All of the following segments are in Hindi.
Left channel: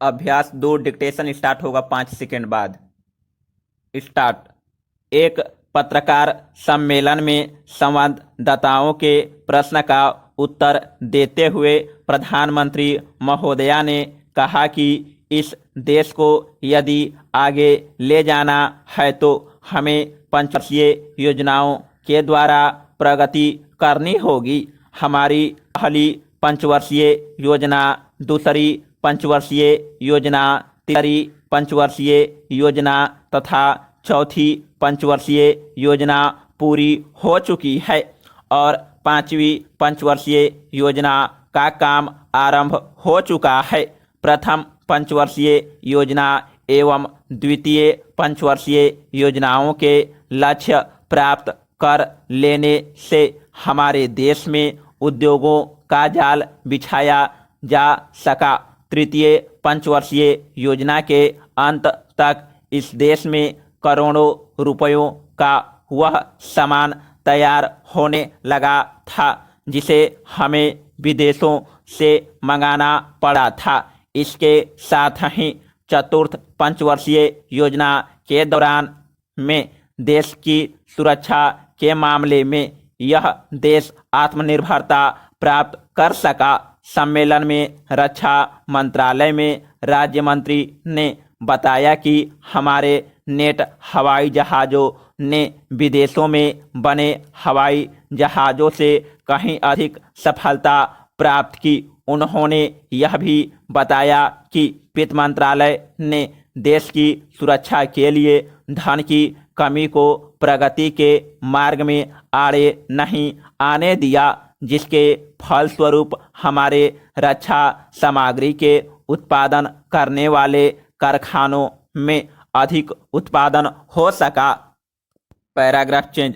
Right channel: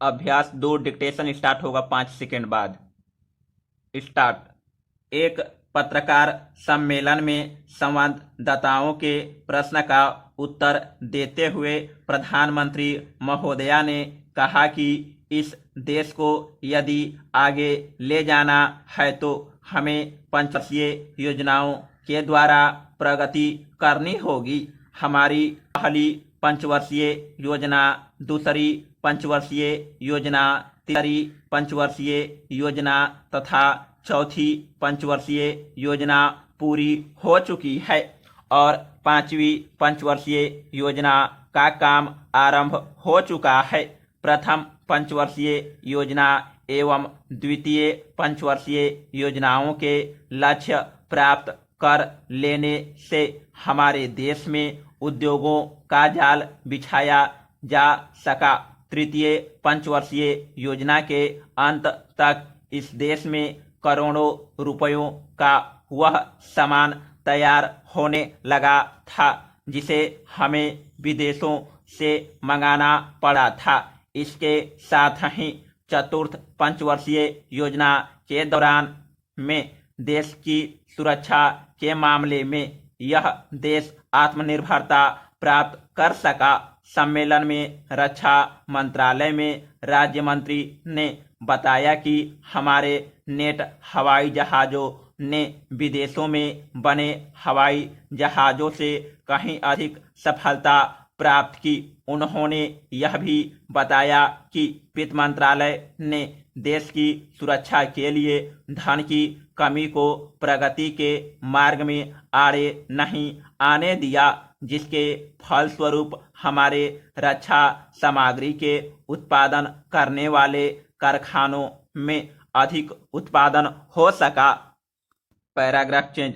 अभ्यास 2 डिक्टेशन स्टार्ट होगा 5 सेकेंड बाद। स्टार्ट। एक पत्रकार सम्मेलन में संवाददाताओं के प्रश्न का उत्तर देते हुए प्रधानमंत्री महोदया ने कहा कि इस देश को यदि आगे ले जाना है तो हमें पंचवर्षीय योजनाओं के द्वारा प्रगति करनी होगी। हमारी पहली पंचवर्षीय योजना, दूसरी पंचवर्षीय योजना, तीसरी पंचवर्षीय योजना तथा चौथी पंचवर्षीय योजना पूरी हो चुकी है और पांचवी पंचवर्षीय योजना का काम आरंभ हो चुका है। प्रथम पंचवर्षीय योजना एवं द्वितीय पंचवर्षीय योजनाओं के लक्ष्य प्राप्त कर लेने से हमारे देश में उद्योगों का जाल बिछाया जा सका। तृतीय पंचवर्षीय योजना के अंत तक इस देश में करोड़ों रुपयों का वह सामान तैयार होने लगा था जिसे हमें विदेशों से मंगाना पड़ा था। इसके साथ ही चतुर्थ पंचवर्षीय योजना के दौरान में देश की सुरक्षा के मामले में यह देश आत्मनिर्भरता प्राप्त कर सका। सम्मेलन में रक्षा मंत्रालय में राज्य मंत्री ने बताया कि हमारे नेट हवाई जहाज़ों ने विदेशों में बने हवाई जहाज़ों से कहीं अधिक सफलता प्राप्त की। उन्होंने यह भी बताया कि वित्त मंत्रालय ने देश की सुरक्षा के लिए धन की कमी को प्रगति के मार्ग में आड़े नहीं आने दिया, जिसके फलस्वरूप हमारे रक्षा सामग्री के उत्पादन करने वाले कारखानों में अधिक उत्पादन हो सका। Paragraph change.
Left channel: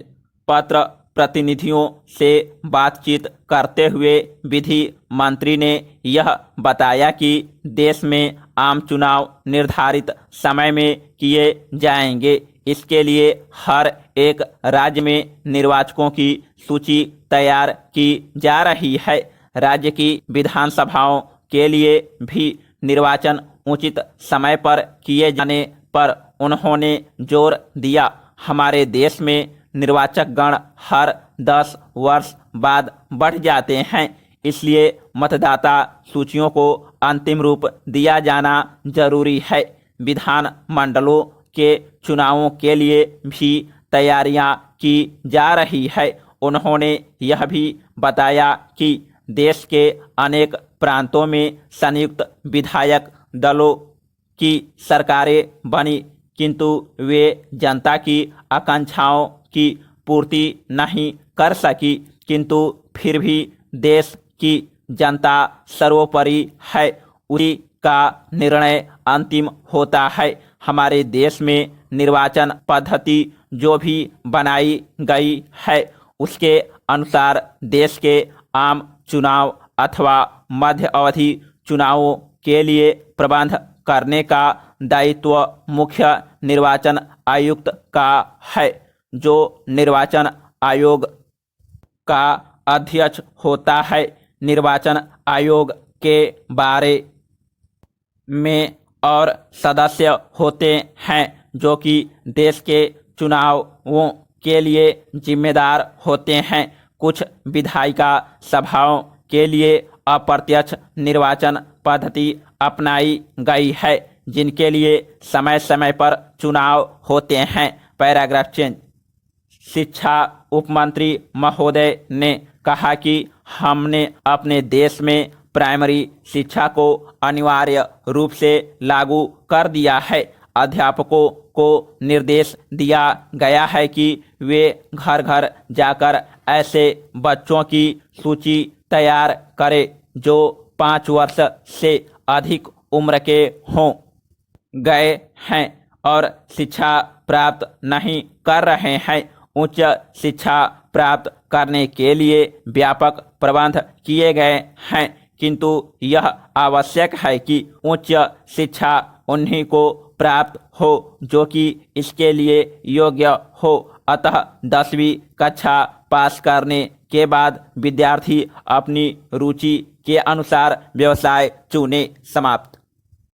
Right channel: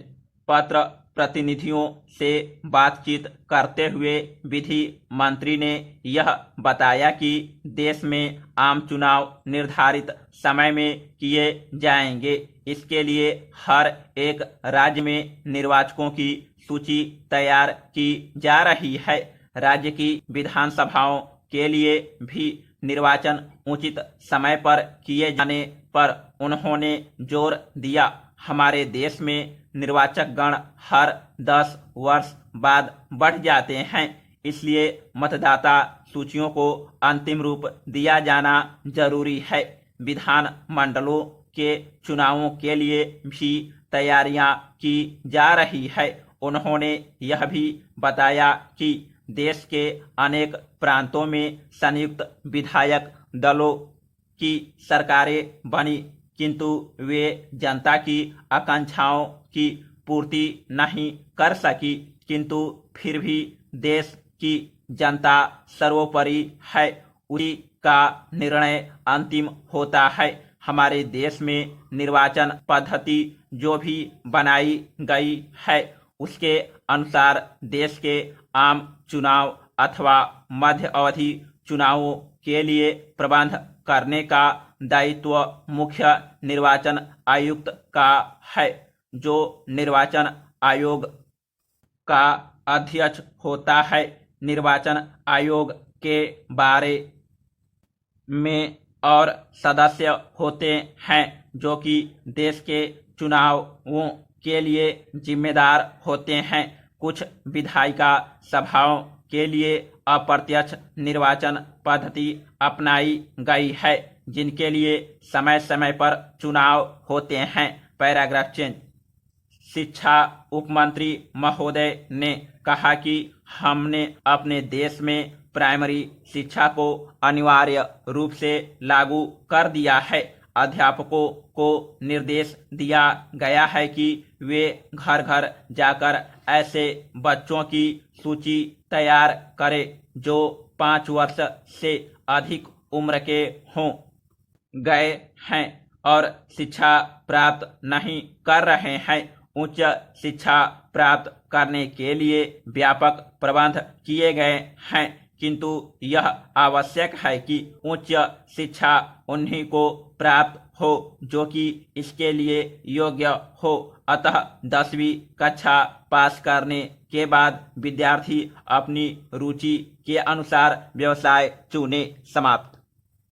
पत्र प्रतिनिधियों से बातचीत करते हुए विधि मंत्री ने यह बताया कि देश में आम चुनाव निर्धारित समय में किए जाएंगे। इसके लिए हर एक राज्य में निर्वाचकों की सूची तैयार की जा रही है। राज्य की विधानसभाओं के लिए भी निर्वाचन उचित समय पर किए जाने पर उन्होंने जोर दिया। हमारे देश में निर्वाचक गण हर 10 वर्ष बाद बढ़ जाते हैं, इसलिए मतदाता सूचियों को अंतिम रूप दिया जाना जरूरी है। विधान मंडलों के चुनावों के लिए भी तैयारियां की जा रही है। उन्होंने यह भी बताया कि देश के अनेक प्रांतों में संयुक्त विधायक दलों की सरकारें बनी, किंतु वे जनता की आकांक्षाओं की पूर्ति नहीं कर सकी। किंतु फिर भी देश की जनता सर्वोपरि है, उसी का निर्णय अंतिम होता है। हमारे देश में निर्वाचन पद्धति जो भी बनाई गई है उसके अनुसार देश के आम चुनाव अथवा मध्य अवधि चुनावों के लिए प्रबंध करने का दायित्व मुख्य निर्वाचन आयुक्त का है, जो निर्वाचन आयोग का अध्यक्ष होता है। निर्वाचन आयोग के बारे में और सदस्य होते हैं जो कि देश के चुनावों के लिए जिम्मेदार होते हैं। कुछ विधायिका सभाओं के लिए अप्रत्यक्ष निर्वाचन पद्धति अपनाई गई है, जिनके लिए समय समय पर चुनाव होते हैं। Paragraph change. शिक्षा उपमंत्री महोदय ने कहा कि हमने अपने देश में प्राइमरी शिक्षा को अनिवार्य रूप से लागू कर दिया है। अध्यापकों को निर्देश दिया गया है कि वे घर घर जाकर ऐसे बच्चों की सूची तैयार करें जो 5 वर्ष से अधिक उम्र के हों, गए हैं और शिक्षा प्राप्त नहीं कर रहे हैं। उच्च शिक्षा प्राप्त करने के लिए व्यापक प्रबंध किए गए हैं, किंतु यह आवश्यक है कि उच्च शिक्षा उन्हीं को प्राप्त हो जो कि इसके लिए योग्य हो। अतः 10वीं कक्षा पास करने के बाद विद्यार्थी अपनी रुचि के अनुसार व्यवसाय चुने। समाप्त।